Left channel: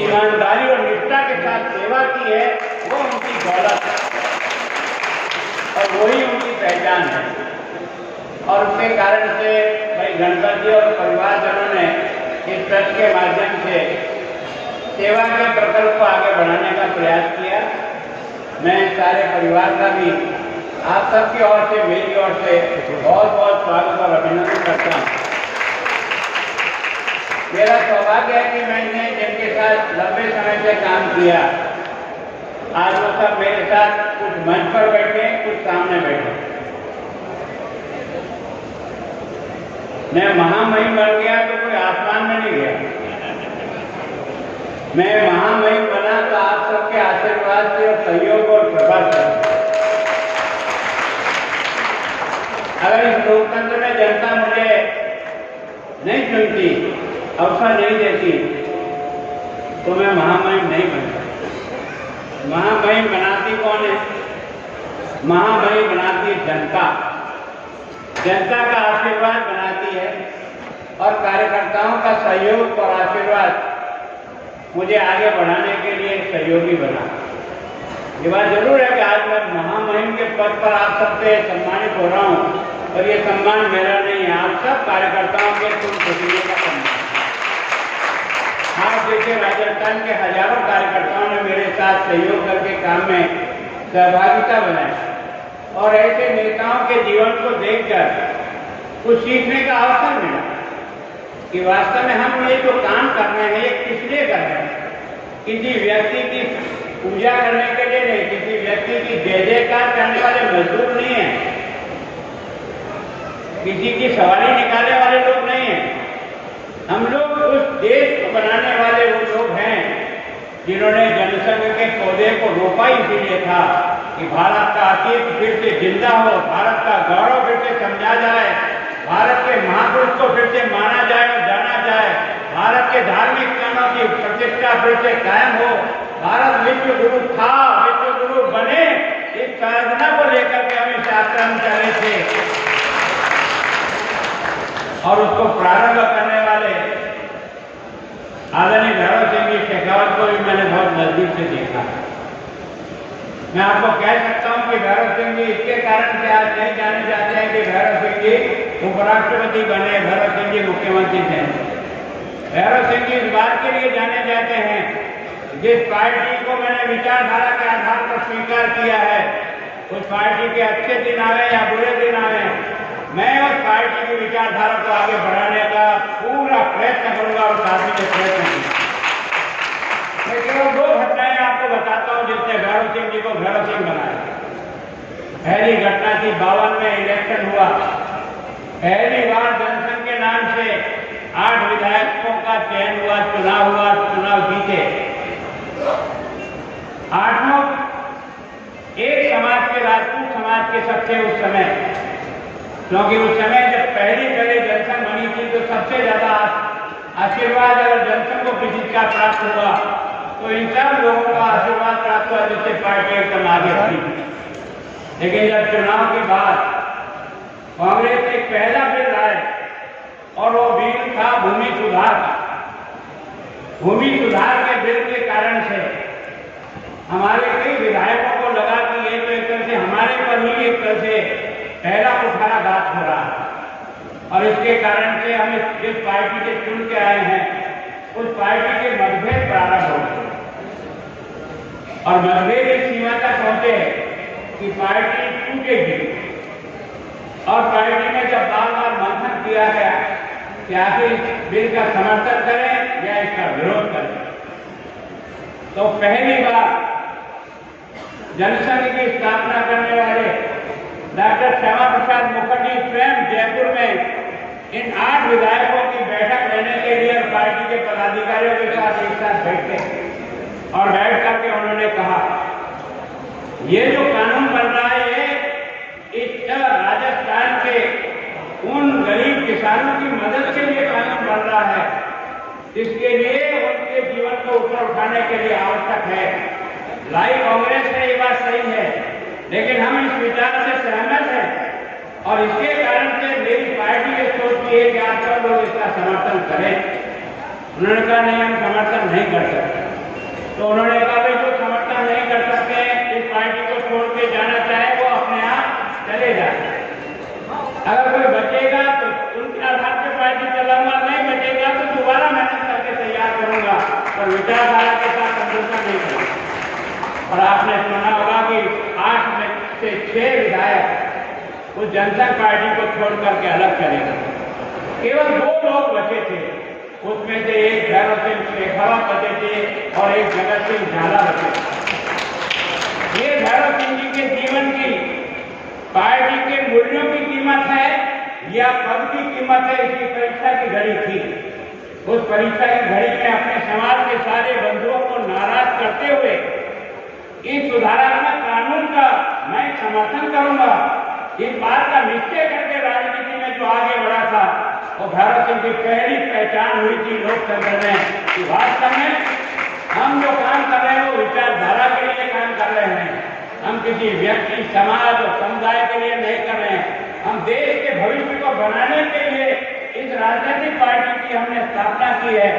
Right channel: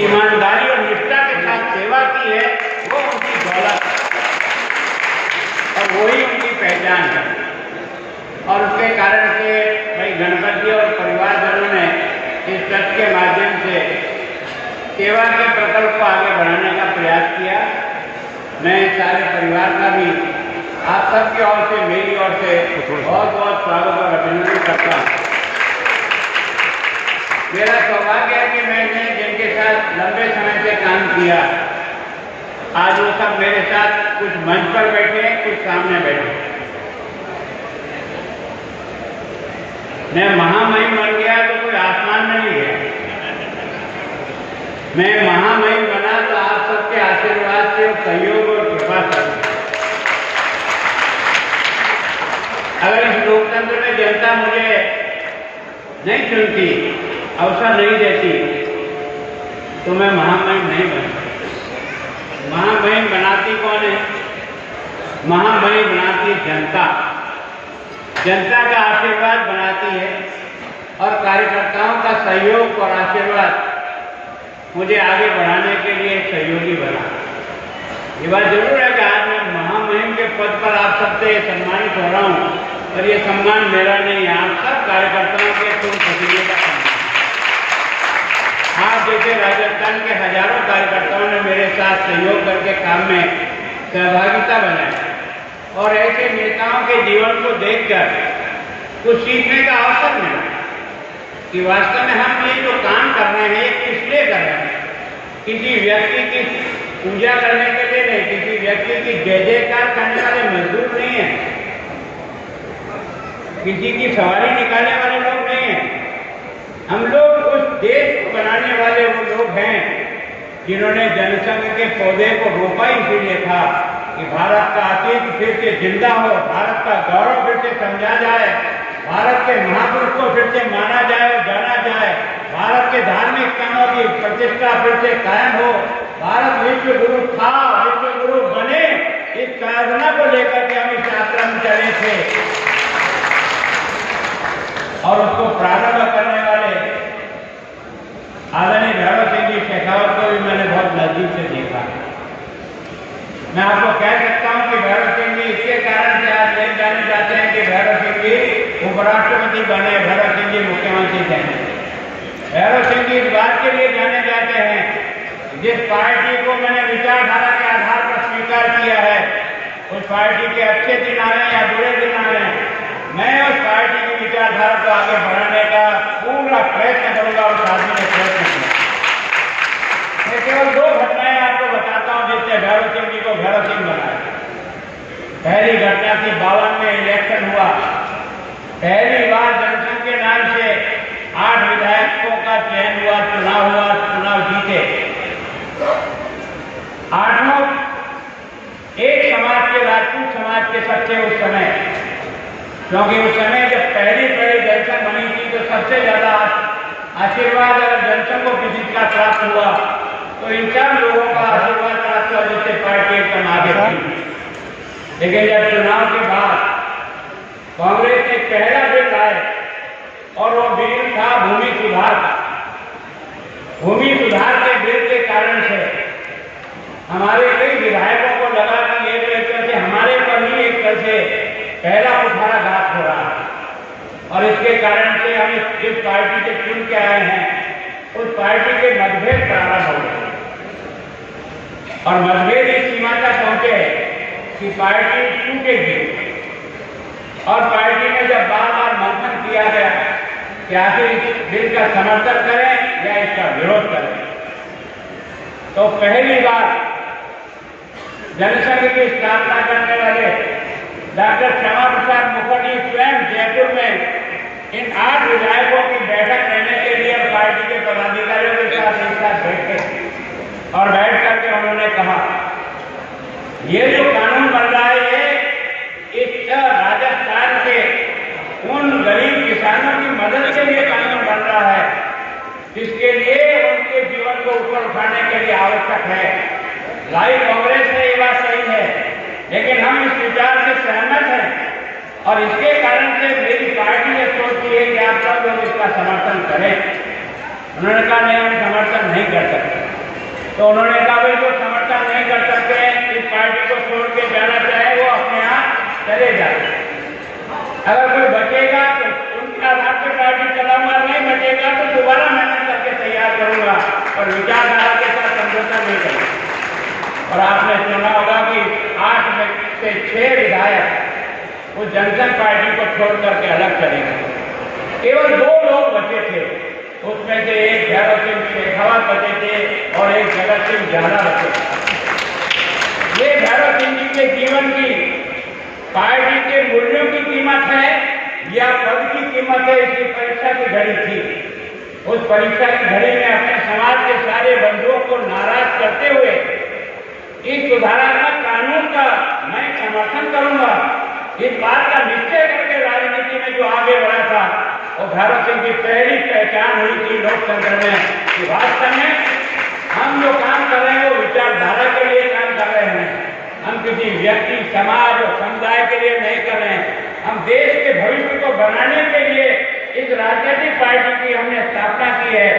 ईमानदारी और निष्ठा के साथ सेवा की है, वो उनकी दौलत है और वही उनकी पहचान है। और उसके कारण से भाई गणपति और परिवारजनों ने इस ट्रस्ट के माध्यम से सेवा के प्रकल्प को आगे बढ़ाने का प्रयास किया। मैं सारे परिवार का भी आप सबकी ओर से, मेरी ओर से बहुत बहुत स्वागत और अभिनंदन करता हूँ। मेरा सौभाग्य है कि मैंने जिनके साथ लंबे समय से काम किया, आज वो सब मेरे साथ कुछ मंच पर बैठे हैं, कुछ सामने बैठे। मैं महामहिम बन गया तो कोई आसमान में नहीं गया, मैं महामहिम बना तो आप सबके आशीर्वाद से और सहयोग और कृपा से। अगर इस लोकतंत्र में जनता मुझे नहीं चुनती, अवसर नहीं देती, तो मैं महामहिम नहीं बनता। महामहिम बनाती कौन है? महामहिम बनाती जनता, जनता का आशीर्वाद बनाती है और कार्यकर्ताओं का सहयोग और आशीर्वाद मुझे आगे बढ़ाने के लिए एक सहयोगी बना। ये बात जरूर है कि आज मैं महामहिम के पद पर आप सबसे सम्मानित हो रहा हूँ, और ये सम्मान मेरा नहीं है, आप सब कार्यकर्ताओं के तुम पसीने का सम्मान। आप जैसे राजस्थान के हजारों कार्यकर्ताओं ने मेरे साथ सहयोग करके काम में सहभागिता बनाई और ऐसे नेताओं के जीवन को देखकर कुछ सीखने का अवसर मिला कि वास्तव में हम ये जो काम कर रहे हैं ये किस लिए कर रहे हैं। किसी व्यक्ति की पूजा करने के लिए नहीं, किसी व्यक्ति की जय जयकार करने वाले मजदूर नहीं है, किसी की सवारी निकालने वाले लोग नहीं हैं। हम लोग उस देश को बनाने वाले वो लोग हैं जिन्होंने जनसंघ के पौधे को रोपा इसीलिए था कि भारत का अतीत फिर से जिंदा हो, भारत का गौरव फिर से समझा जाए, भारत के महापुरुष को फिर से माना जाए और जाना जाए, भारत के धार्मिक स्थानों की प्रतिष्ठा फिर से कायम हो, भारत विश्व गुरु था, विश्व गुरु बने। इस साधना को लेकर के हम इस यात्रा में चले थे और उसको प्रारंभ करने वाले आदरणीय भैरव सिंह जी शेखावत को भी मैंने बहुत नजदीक से देखा। मैं आपको कह सकता हूं कि भैरव सिंह जी इसके कारण से आज नहीं जाने जाते हैं कि भैरव सिंह जी उपराष्ट्रपति बने, भैरव सिंह जी मुख्यमंत्री थे। भैरव सिंह जी इस बात के लिए जाने जाते हैं जिस पार्टी को मैंने विचारधारा के आधार पर स्वीकार किया है, उस पार्टी के अच्छे दिन आ रहे हैं या बुरे दिन आ रहे हैं, मैं उस पार्टी की विचारधारा को आगे बढ़ाने का पूरा प्रयत्न करूंगा और साथी ने प्रयत्न किया। मैं केवल दो घटनाएं आपको बताता हूं जिससे भैरव सिंह जी को भैरव सिंह बनाया। पहली घटना थी 52 में इलेक्शन हुआ, पहली बार जनसंघ के नाम से 8 विधायकों का चयन हुआ, चुनाव जीते। 8 एक समाज के, राजपूत समाज के सबसे उस समय, क्योंकि उस समय जब पहली जनसंघ बनी थी तो सबसे ज्यादा आशीर्वाद अगर जनसंघ को किसी का प्राप्त हुआ तो इन सब लोगों का आशीर्वाद प्राप्त हुआ जिससे पार्टी एकदम आगे बढ़ी। लेकिन जब चुनाव के बाद कांग्रेस ने पहला बिल लाए और वो बिल था भूमि सुधार का। भूमि सुधार के बिल के कारण से हमारे कई विधायकों को लगा कि एक तरह से हमारे पर ही एक तरह से पहला कुठाराघात हो रहा है, और इसके कारण से हम जिस पार्टी से चुन के आए हैं उस पार्टी के मतभेद प्रारंभ हो गए और मतभेद इस सीमा तक पहुंचे कि पार्टी टूटेगी। और पार्टी ने जब बार बार मंथन किया गया कि आखिर इस बिल का समर्थन करें या इसका विरोध करें, तो पहली बार जनसंघ की स्थापना करने वाले डॉक्टर श्यामा प्रसाद मुखर्जी स्वयं जयपुर में इन 8 विधायकों की बैठक लेने के लिए और पार्टी के पदाधिकारियों के साथ एक साथ बैठे और बैठ करके उन्होंने कहा ये जो कानून बन रहा है ये इस राजस्थान के उन गरीब किसानों की मदद के लिए कानून बन रहा है जिसके लिए उनके जीवन को ऊपर उठाने के लिए आवश्यक है। लाई कांग्रेस ने ये बात सही है, लेकिन हम इस विचार से सहमत हैं और इसके कारण से मेरी पार्टी ये सोचती है कि आप सब लोग इसका समर्थन करें। उन्होंने कहा नहीं, हम समर्थन नहीं कर सकते। तो उन्होंने कहा भाई जो समर्थन नहीं कर सकते इस पार्टी को छोड़ के जाना चाहे वो अपने आप चले जाए। अगर कोई बचेगा तो उनके आधार पर पार्टी चलाऊंगा, नहीं बचेगा तो दोबारा मेहनत करके तैयार करूंगा और विचारधारा के साथ समझौता नहीं करूंगा। और आपने सुना होगा कि 8 में से 6 विधायक उस जनसंघ पार्टी को छोड़ करके अलग चले गए। केवल 2 लोग बचे थे, उसमें से एक भैरव सिंह शेखावत बचे थे और एक जगत सिंह झाला बचे थे। ये भैरव सिंह जी के जीवन की पार्टी के मूल्यों की कीमत है या पद की कीमत है, इसकी परीक्षा की घड़ी थी। उस परीक्षा की घड़ी में अपने समाज के सारे बंधुओं को नाराज करते हुए इस सुधारात्मक कानून का मैं समर्थन करूंगा, इस बात का निश्चय करके राजनीति में जो आगे बढ़ा था वो भैरव सिंह की पहली पहचान हुई थी लोकतंत्र में कि वास्तव में हम जो काम कर रहे हैं वो विचारधारा के लिए काम कर रहे हैं। हम किसी व्यक्ति, समाज और समुदाय के लिए नहीं कर रहे हैं। हम देश के भविष्य को बनाने के लिए इस राजनीतिक पार्टी की हमने स्थापना की है।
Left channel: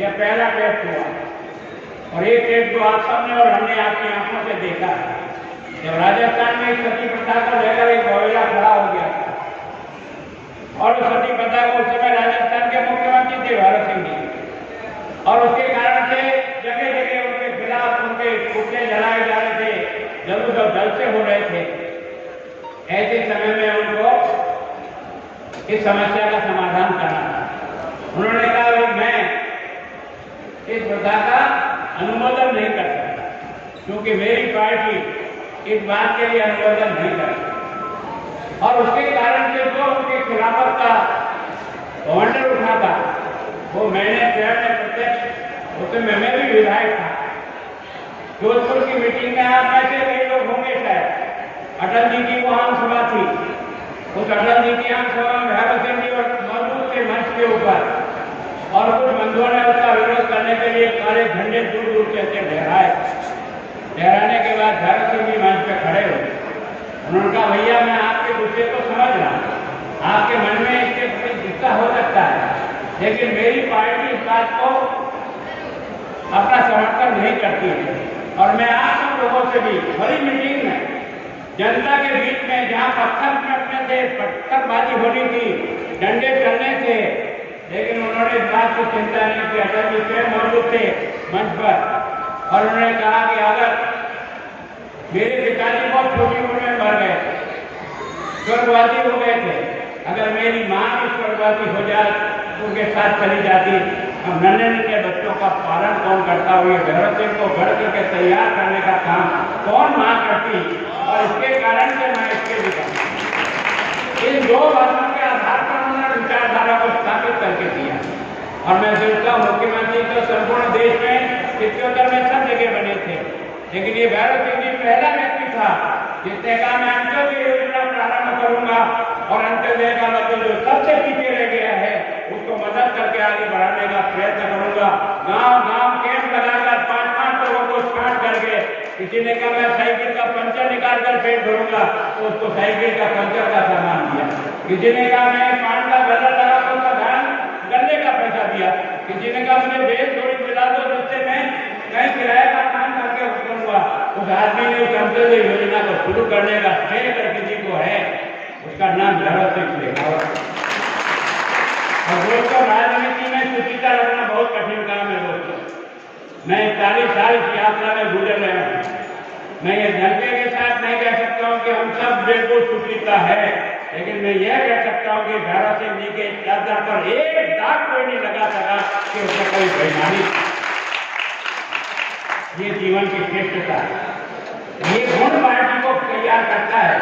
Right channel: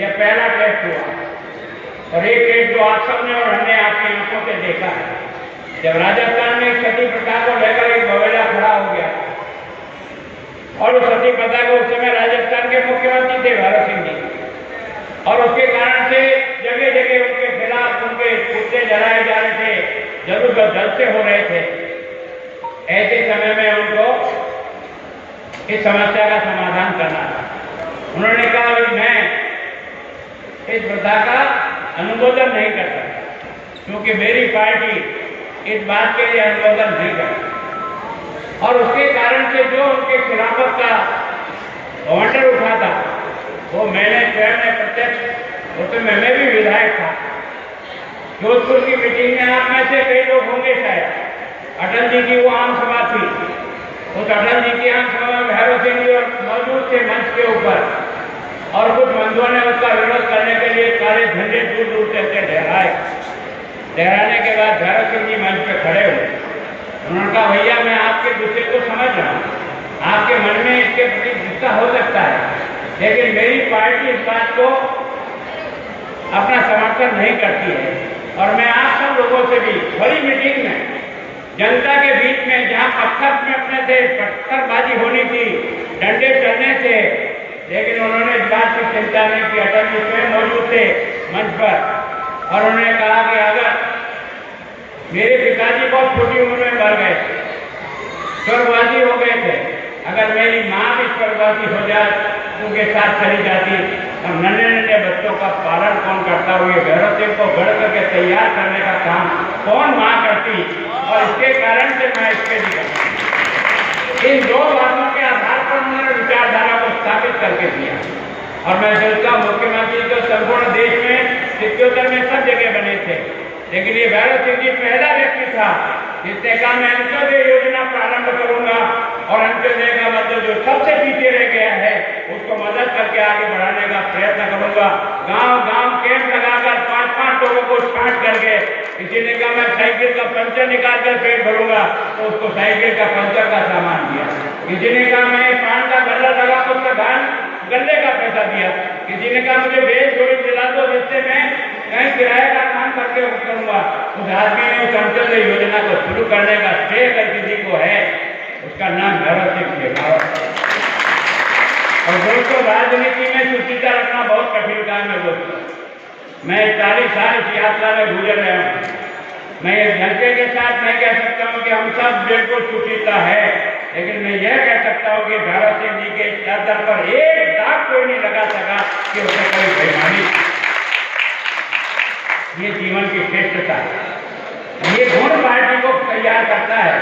यह पहला टेस्ट हुआ और एक टेस्ट तो आप सबने और हमने आपकी आंखों से देखा जब राजस्थान में सती प्रथा को लेकर एक बवेला खड़ा हो गया और उस सती प्रथा को उस समय राजस्थान के मुख्यमंत्री थे भैरव सिंह जी, और उसके कारण से जगह जगह उनके खिलाफ उनके पुतले जलाए जा रहे थे, जरूर जलसे हो रहे थे। ऐसे समय में उनको इस समस्या का समाधान करना था। उन्होंने कहा भाई मैं इस प्रथा का अनुमोदन नहीं कर सकता क्योंकि मेरी पार्टी इस बात के लिए अनुमोदन नहीं करती और उसके कारण से जो उनके खिलाफत का घमंड उठा था वो मैंने स्वयं में प्रत्यक्ष, उसमें मैं भी विधायक था। जोधपुर की मीटिंग में आप में से कई लोग होंगे शायद, अटल जी की वो आम सभा थी। उस अटल जी की आम सभा में भैरव सिंह जी मौजूद थे मंच के ऊपर और कुछ बंधुओं ने उसका विरोध करने के लिए सारे झंडे दूर दूर से लहराए। लहराने के बाद भैरव सिंह जी मंच पे खड़े हुए। उन्होंने कहा भैया मैं आपके गुस्से को समझ रहा हूँ, आपके मन में इसके प्रति गुस्सा हो सकता है, लेकिन मेरी पार्टी इस बात को अपना समर्थन नहीं करती है और मैं आप सब लोगों से भी बड़ी मीटिंग में जनता के बीच में जहाँ पत्थर में अपने थे, पत्थरबाजी होनी थी, डंडे चलने थे, लेकिन उन्होंने इस बात की चिंता नहीं की। अटल जी स्वयं मौजूद थे मंच पर और उन्होंने कहा कि अगर मेरे पिताजी बहुत छोटी उम्र में मर गए, स्वर्गवासी हो गए थे, अगर मेरी माँ भी स्वर्गवासी हो जाए उनके साथ चली जाती, अब नन्हे नन्हे बच्चों का पालन कौन करता हुए भैरव सिंह को गढ़ करके तैयार करने का काम कौन माँ करती, और इसके कारण से मैं इसके दिखा इन 2 बातों के आधार पर उन्होंने विचारधारा को स्थापित करके दिया। और मैं सोचता मुख्यमंत्री तो संपूर्ण देश में 77 में सब जगह बने थे, लेकिन ये भैरव सिंह जी पहला व्यक्ति था जिसने कहा मैं अंत्योदय योजना प्रारंभ करूंगा और अंत्योदय का मतलब जो सबसे पीछे रह गया है उसको मदद करके आगे बढ़ाने का प्रयत्न करूंगा। गांव गांव कैंप लगाकर 5-5 लोगों को छांट करके, किसी ने कहा मैं साइकिल का पंचर निकाल कर पेट भरूंगा तो उसको साइकिल का पंचर का सामान दिया। किसी ने कहा मैं पान का गल्ला लगा तो उसका गल्ले का पैसा दिया। किसी ने कहा मुझे भेज थोड़ी दिला दो जिससे मैं कहीं किराए का काम करके करूंगा। उस आदमी ने उस अंत्योदय योजना को शुरू करने का श्रेय अगर किसी को है उसका नाम भैरव सिंह शेखावत। और दोस्तों राजनीति में सुचिता रखना बहुत कठिन काम है दोस्तों। मैं 40 साल इस यात्रा में गुजर रहा हूँ। मैं इस घंटे के साथ नहीं कह सकता हूँ कि हम सब बिल्कुल सुचिता है, लेकिन मैं यह कह सकता हूँ कि भैरव सिंह जी के चादर पर एक दाग कोई नहीं लगा सका कि उसने कोई बेईमानी। ये जीवन की श्रेष्ठता है। ये गुण पार्टी को तैयार करता है।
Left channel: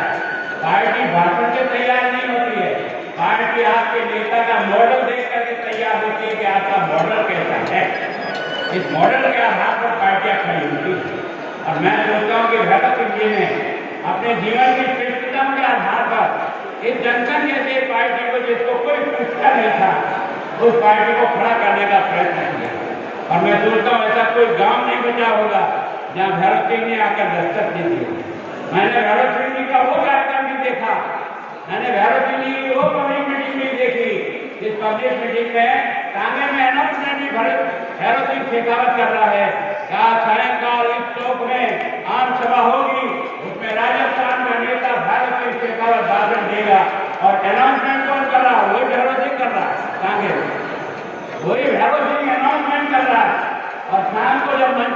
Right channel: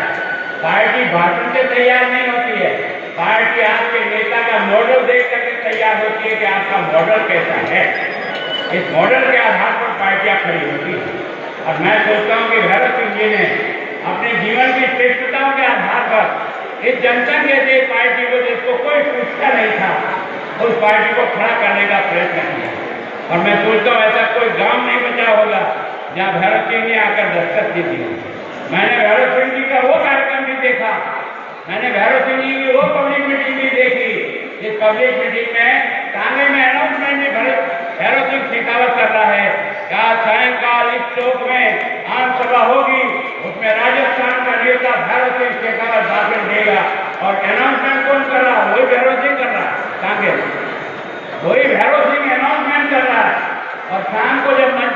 पार्टी भाषण से तैयार नहीं होती है, पार्टी आपके नेता का मॉडल देख करके तैयार होती है कि आपका मॉडल कैसा है। इस मॉडल के आधार पर पार्टियां खड़ी होती है। और मैं सोचता हूँ कि भैरव सिंह जी ने अपने जीवन की श्रेष्ठताओं के आधार पर इस जनसंघ जैसी पार्टी को जिसको कोई पूछता नहीं था उस पार्टी को खड़ा करने का प्रयत्न किया। और मैं सोचता हूँ ऐसा कोई गांव नहीं बचा होगा जहाँ भैरव सिंह ने आकर दस्तक दी थी। मैंने भैरव सिंह जी का वो कार्यक्रम भी देखा, मैंने भैरव सिंह जी की वो पब्लिक मीटिंग भी देखी जिस पब्लिक मीटिंग में तांगे में अनाउंसमेंट भी भैरव सिंह शेखावत कर रहा है, क्या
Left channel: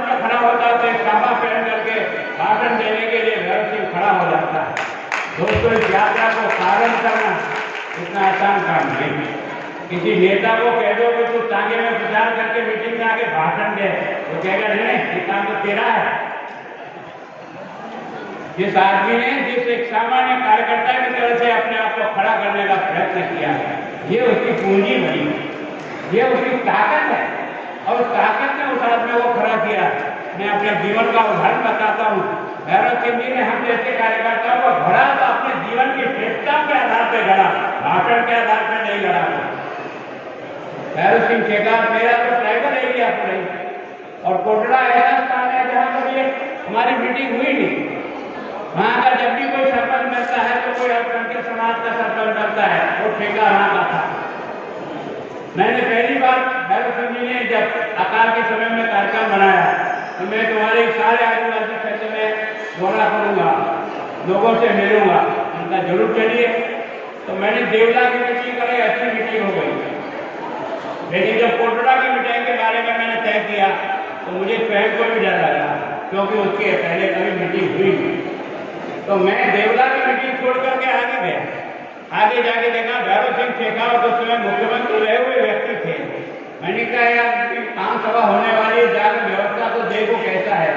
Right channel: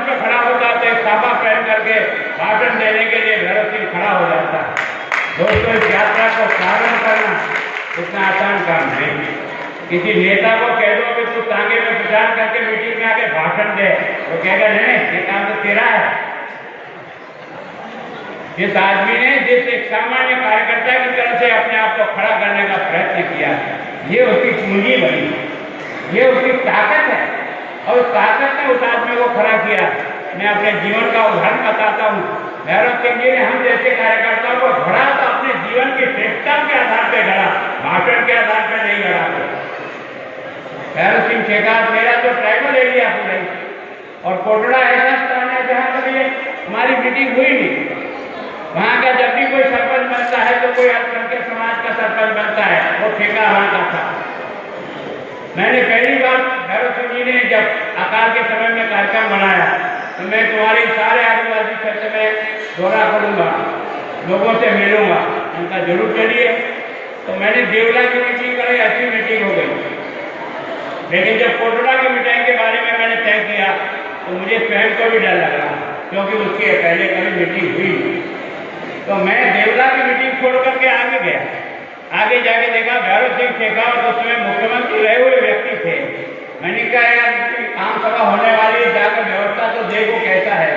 पे खड़ा होता तो एक साफा पहन करके भाषण देने के लिए भैरव सिंह खड़ा हो जाता। दोस्तों, इस यात्रा को प्रारंभ करना इतना आसान काम नहीं। किसी नेता को कह दो कि तू तांगे में प्रचार करके मीटिंग में आके भाषण दे, वो कहेगा नहीं, ये काम तो तेरा है। जिस आदमी ने, जिस एक सामान्य कार्यकर्ता की तरह से अपने आप को खड़ा करने का प्रयत्न किया, ये उसकी पूंजी बनी, ये उसकी ताकत है। और उस ताकत ने उस आदमी को खड़ा किया। मैं अपने जीवन का उदाहरण बताता हूँ। भैरव सिंह जी ने हम जैसे कार्यकर्ताओं को गढ़ा तो अपने जीवन की श्रेष्ठता के आधार पर गढ़ा, भाषण के आधार पर नहीं गढ़ा। भैरव सिंह शेखावत मेरा तो ट्राइबल एरिया से रही, और कोटड़ा ऐसा स्थान है जहाँ पर ये हमारी मीटिंग हुई नहीं। वहाँ का जब भी कोई सरपंच बनता है तो कोई अल्पसंख्यक समाज का सरपंच बनता है, वो ठेका वहाँ का था। मैंने पहली बार भैरव सिंह जी ने जब अकाल के समय में कार्यक्रम बनाया तो मैं तुम्हारे सारे आदिवासी क्षेत्र में दौरा करूँगा, लोगों से मिलूंगा, उनका जरूर चलिए। तो मैंने देवला की मीटिंग करी, अच्छी मीटिंग हो गई। लेकिन जब कोटड़ा की मीटिंग के बारे में मैंने तय किया तो मुझे स्वयं को भी डर लग रहा, क्योंकि उसके पहले कभी मीटिंग हुई। तो मैं देवला की मीटिंग छोड़ करके आगे गया। आगे जाके देखा भैरव सिंह शेखावत उस समय मुख्यमंत्री रहे हुए व्यक्ति थे। मैंने कहा यार, आम सभा होने वाली, जाकर व्यवस्था तो देखो कैसा है।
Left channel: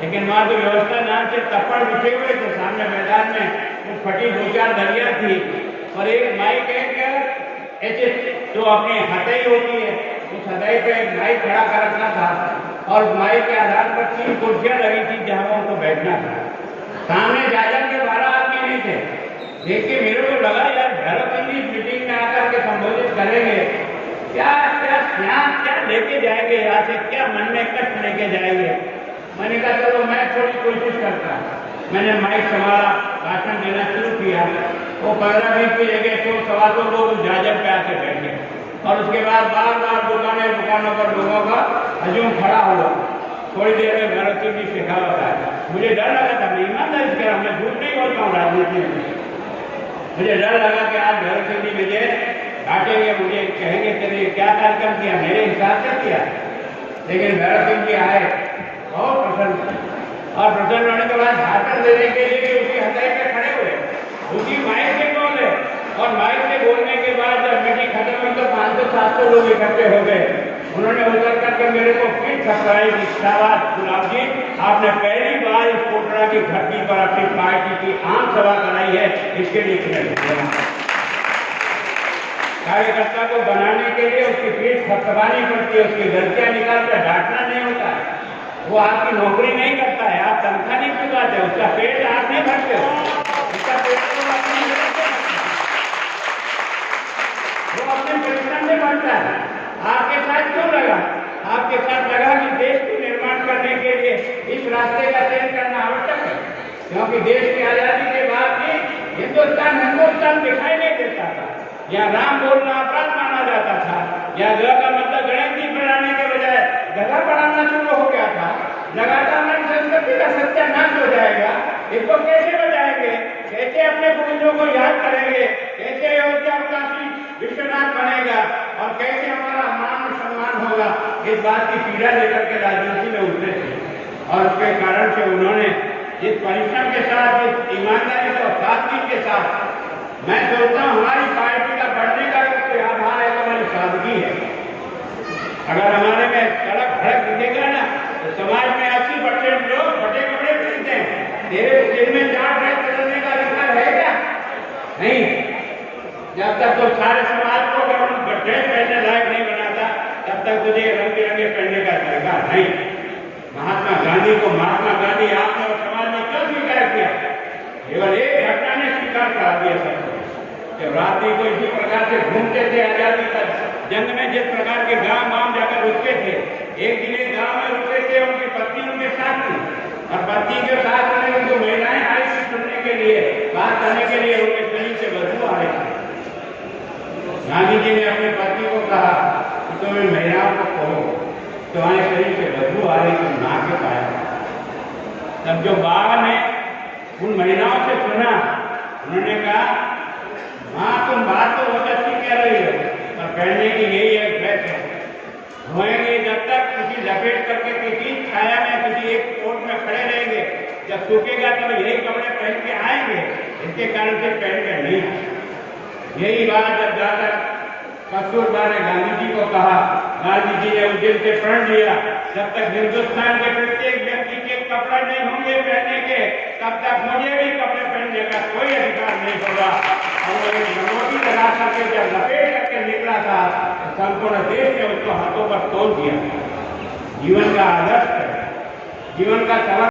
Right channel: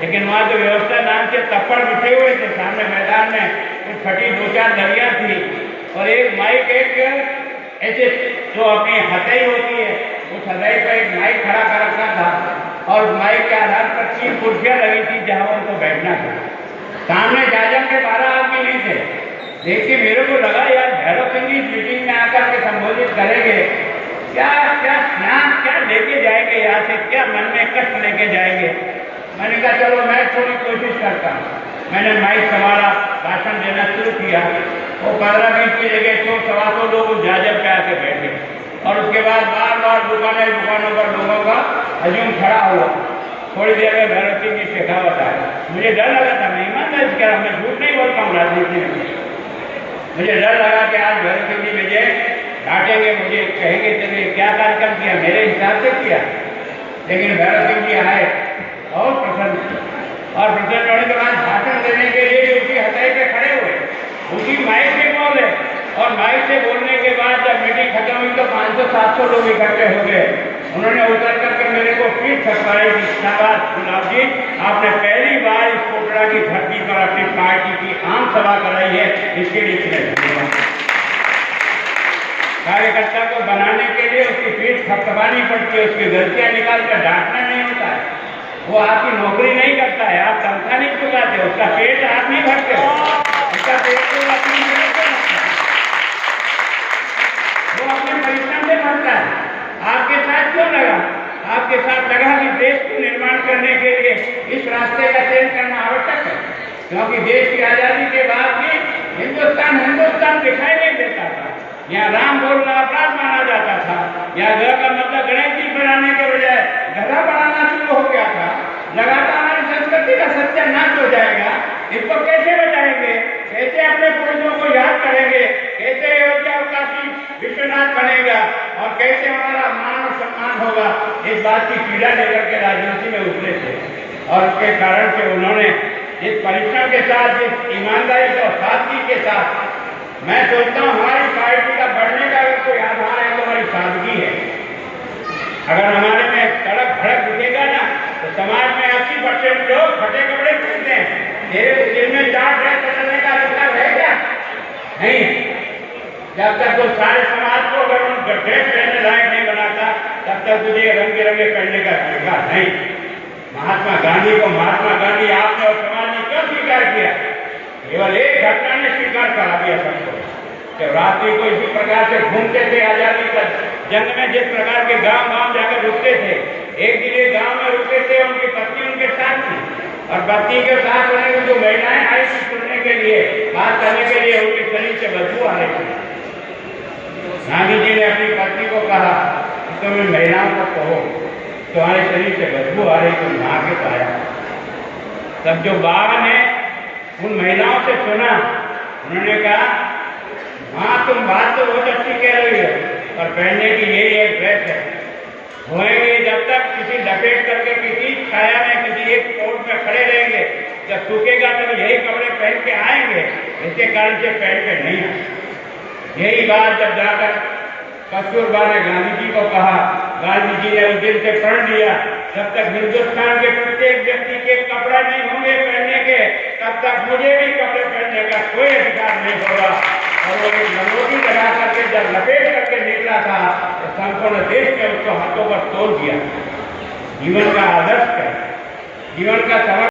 लेकिन वहाँ तो व्यवस्था नाम से तप्पड़ बिछे हुए थे। सामने मैदान में कुछ फटी 2-4 दलियाँ थी, और एक माइक, एक ऐसे जो अपनी हथेली होती है, उस हथेली पर एक माइक खड़ा कर रखा था, और माइक के आधार पर 3 कुर्सियाँ लगी थी जहाँ उनको बैठना था। सामने जाजम के 12 आदमी नहीं थे। देख के मेरे को लगा यार, भैरव सिंह जी मीटिंग में आकर के संबोधित करेंगे, क्या क्या ज्ञान क्या लेके जाएंगे यहाँ से, क्या मन में कष्ट लेके जाएंगे। मैंने कहा चलो मैं थोड़ी कोशिश करता हूँ। मैंने माइक संभाला, भाषण देना शुरू किया। वो 15-20 की जगह 100-125 लोग जाजम पे आके बैठे, और उसके बाद बार बार दुकानों पर लोगों का हजूम खड़ा हुआ। थोड़ी देर में भैरव सिंह जी शेखावत आया। मुझे डर लगा था, मैं ईमानदारी से कह रहा हूँ, मैं झूठ नहीं बोलता हूँ राजनीति में। मुझे डर लगा कि आज भैरव सिंह जी विजय डांटेंगे, मुझे कहेंगे चलिए क्या कार्यक्रम किया, मेरे हिसाब से किया। लेकिन भैरव सिंह जी आए और प्रसन्न थे, और प्रसन्न होने के बाद भाषण देने के लिए उसी हथेली पे खड़े हुए, उसी माइक से बोले। और माइक से बोलने के बाद जब मीटिंग खत्म हुई तो 500-700 लोग इकट्ठे हो गए। उन्होंने उतर करके मेरे को फिर ठकराई की शाबाश गुलाब जी, आपने पहली बार इस कोटड़ा की धरती पर अपनी पार्टी की आम सभा कराई है, इसके लिए कार्यकर्ता को बनाने के लिए उसकी पीठ थपथपानी पड़ती है, उसकी गलतियां निकाल कर डांटना नहीं होता है। वो आपकी नौकरी नहीं करता है, आप तनख्वाह नहीं चुकाते, उसका पेट आप नहीं भरते हो, उसका पेट तो अपनी मेहनत से भरता है, वो अपने परिश्रम से भरता है। आपके साथ क्यों लगा? आपके साथ लगा कि देश को निर्माण करने के लिए इस रास्ते का चयन करना आवश्यक है, क्योंकि देश की आजादी के बाद भी हिंदुस्तान दिखाई नहीं देता था। यहाँ राम बोलना अपराध माना जाता था, यहाँ ग का मतलब गणेश जी बनाने के बजाय गधा बनाना शुरू हो गया था। लगातार हमारी संस्कृति का सत्यानाश हो जाएगा। इसको कैसे बचाएंगे, कैसे अपने पूर्वजों को याद करेंगे, कैसे अयोध्या काशी विश्वनाथ बनेगा, और कैसे हमारा मान और सम्मान होगा। इस बात की पीड़ा लेकर के राजनीति में उतरे थे, और उसके कारण से उन्होंने जिस परिश्रम के साथ, जिस ईमानदारी से और सादगी के साथ, मैं सोचता हूँ हमारी पार्टी का बढ़ने का कोई आधार है, हमारी सादगी है। अगर हमारे में सड़क भड़क दिखेगा ना, तो समाज में 80% लोग फटे कपड़े खरीदते हैं। जिनमें चाट है बदलने का अधिकार है क्या? नहीं है। जब तक तो सारे समाज को अगर हम ड्रेस पहनने लायक नहीं बनाता, तब तक मुझे रंग बिरंगे करने का तरीका नहीं। महात्मा गांधी को महात्मा गांधी आपने और समाज ने क्यों स्वीकार किया? केवल एक घटना ने स्वीकार करा दिया सबको। रात्रि को इसी प्रकार से घूमते थे आजादी का जंग में, जिस प्रकार के गांव जाकर रुकते थे। एक दिन एक गांव में रुके थे, उनकी पत्नी उनके साथ थी, और पत्नी के साथ होने में जो महिलाएं आई थी सुनने के लिए, बात करने के लिए, उनके शरीर से बदबू आ रही थी। गांधी जी ने अपनी पत्नी को कहा, तुम इन महिलाओं को कहो तुम्हारे शरीर से बदबू आ रही, तुम नहा के पाया। तब जो बाबा ने उन महिलाओं से सुना, उन्होंने कहा हाँ तुम बात तो बहुत अच्छी कह रही हो, पर पहनने की यही एक ड्रेस है, धोएंगे जब तक किसी लपेट करके किसी छाया में किसी एक कोट में खड़े रहेंगे, जब सूखेगा तो यही कपड़े पहन के आएंगे, इसके कारण से पहन के नहीं आए। यही बात जब जाकर कस्तूरबा ने गांधी जी को कहा, गांधी जी ने उस दिन से प्रण लिया, जब तक हिंदुस्तान के प्रत्येक व्यक्ति के कपड़े नहीं होंगे पहनने के, तब तक मुझे भी कपड़े पहनने का कोई अधिकार नहीं होगा। और वो एक लंगोटी लगा करके जब लपेट करके निकला था, संपूर्ण देश ने उसको हाथों पर तोड़ दिया। जीवन का आदर्श है, जीवन का